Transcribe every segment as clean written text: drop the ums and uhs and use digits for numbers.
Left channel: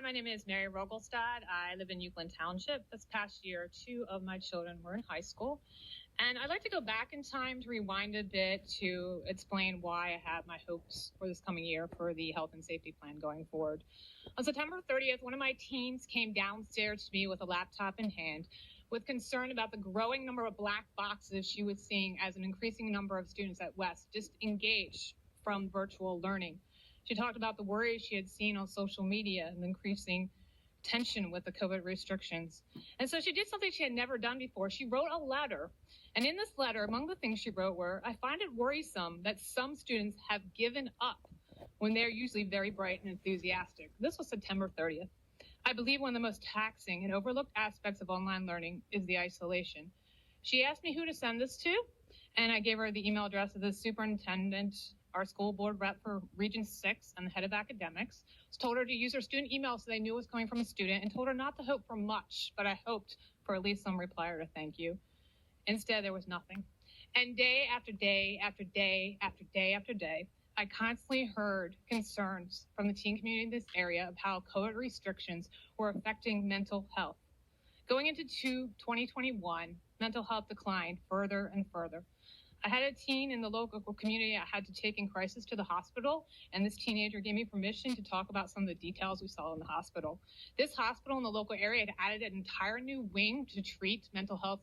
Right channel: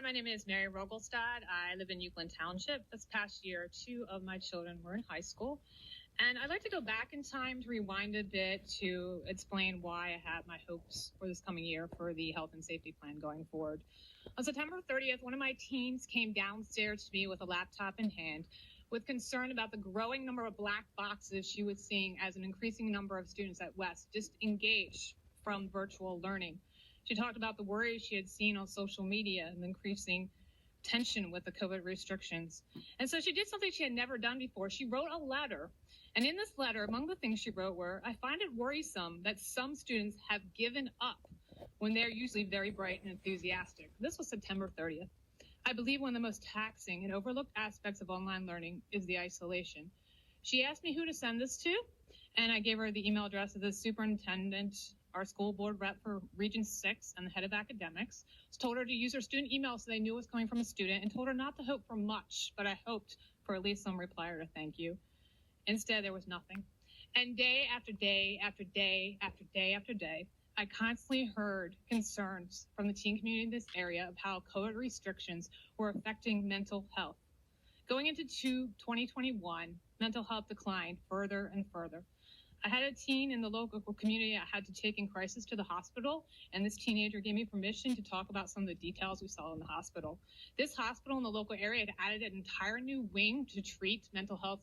Hi, my name is Mary Rogelstad. I live in Uwchlan Township. This past year, 2 of my children were in high school. And I'd like to go back in time to rewind a bit to explain why I have my hopes for this coming year for the health and safety plan going forward. On September 30th, one of my teens came downstairs to me with a laptop in hand with concern about the growing number of black boxes she was seeing as an increasing number of students at West disengage from virtual learning. She talked about the worries she had seen on social media and the increasing tension with the COVID restrictions. And so she did something she had never done before. She wrote a letter. And in this letter, among the things she wrote were, I find it worrisome that some students have given up when they're usually very bright and enthusiastic. This was September 30th. I believe one of the most taxing and overlooked aspects of online learning is the isolation. She asked me who to send this to, and I gave her the email address of the superintendent, our school board rep for Region 6, and the head of academics. Told her to use her student email so they knew it was coming from a student, and told her not to hope for much, but I hoped for at least some reply or a thank you. Instead, there was nothing. And day after day after day after day after day, I constantly heard concerns from the teen community in this area of how COVID restrictions were affecting mental health. Going into 2021, mental health declined further and further. I had a teen in the local community I had to take in crisis to the hospital, and this teenager gave me permission to talk about some of the details we saw in the hospital. This hospital in the local area had added an entire new wing to treat mental health,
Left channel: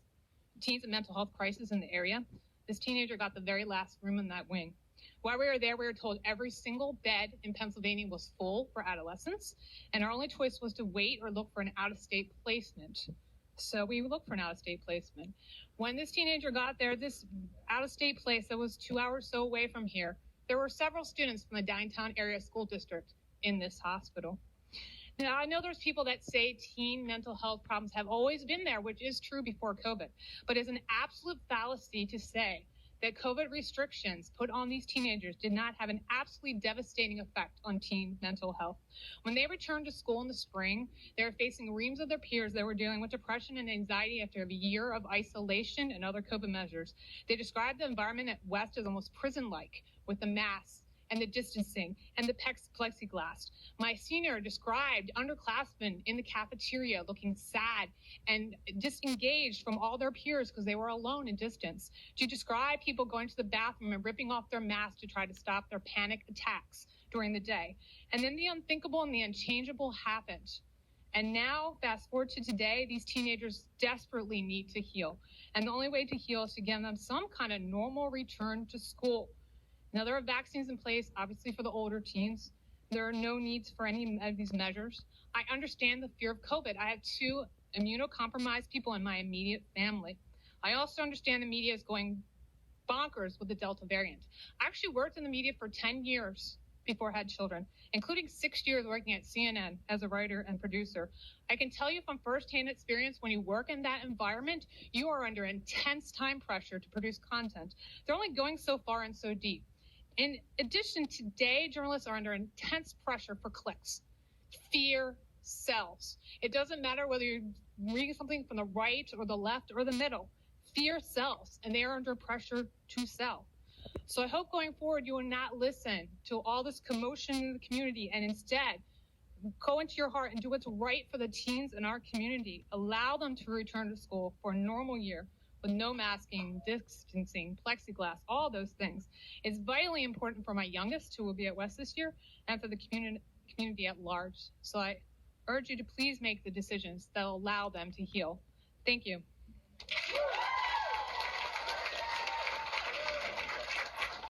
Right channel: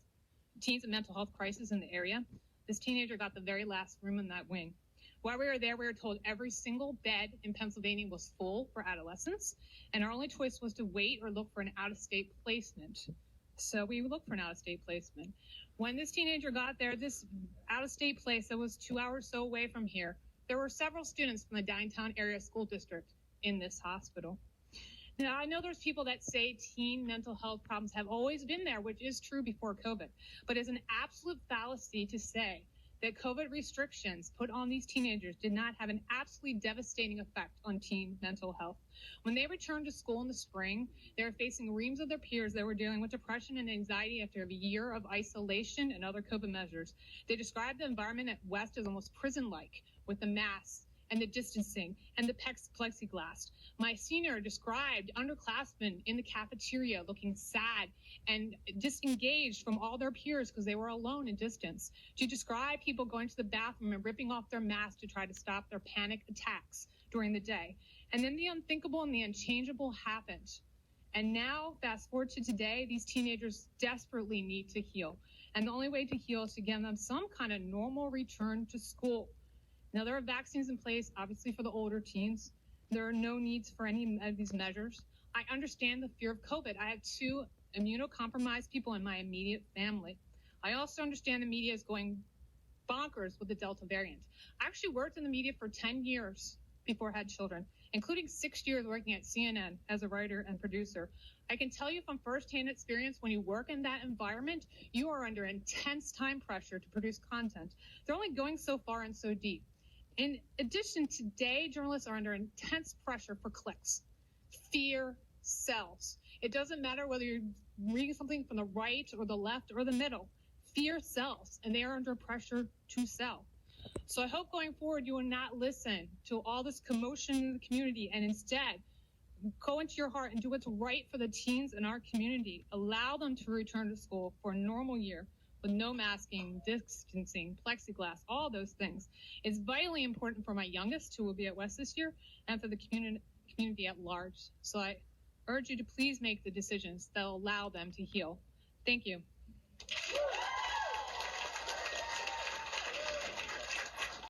teens and mental health crisis in the area. This teenager got the very last room in that wing. While we were there, we were told every single bed in Pennsylvania was full for adolescents, and our only choice was to wait or look for an out-of-state placement. So we looked for an out-of-state placement. When this teenager got there, this out-of-state place that was 2 hours so away from here, there were several students from the Downingtown area school district in this hospital. Now, I know there's people that say teen mental health problems have always been there, which is true before COVID, but it's an absolute fallacy to say that COVID restrictions put on these teenagers did not have an absolutely devastating effect on teen mental health. When they returned to school in the spring, they were facing reams of their peers that were dealing with depression and anxiety after a year of isolation and other COVID measures. They described the environment at West as almost prison-like, with the masks and the distancing and the plexiglass. My senior described underclassmen in the cafeteria looking sad and disengaged from all their peers because they were alone and distanced. She described people going to the bathroom and ripping off their masks to try to stop their panic attacks during the day. And then the unthinkable and the unchangeable happened. And now, fast forward to today, these teenagers desperately need to heal. And the only way to heal is to give them some kind of normal return to school. Now, there are vaccines in place, obviously, for the older teens. There are no needs for any of these measures. I understand the fear of COVID. I have 2 immunocompromised people in my immediate family. I also understand the media is going bonkers with the Delta variant. I actually worked in the media for 10 years before I had children, including 6 years working at CNN as a writer and producer. I can tell you from firsthand experience, when you work in that environment, you are under intense time pressure to produce content. They're only going so far and so deep. In addition, today, journalists are under intense pressure for clicks. Fear sells. It doesn't matter whether you're reading something from the right or the left or the middle. Fear sells, and they are under pressure to sell. So I hope going forward you will not listen to all this commotion in the community and instead go into your heart and do what's right for the teens in our community. Allow them to return to school for a normal year with no masking, distancing, plexiglass, all those things. It's vitally important for my youngest, who will be at West this year, and for the community at large. So I urge you to please make the decisions that will allow them to heal. Thank you.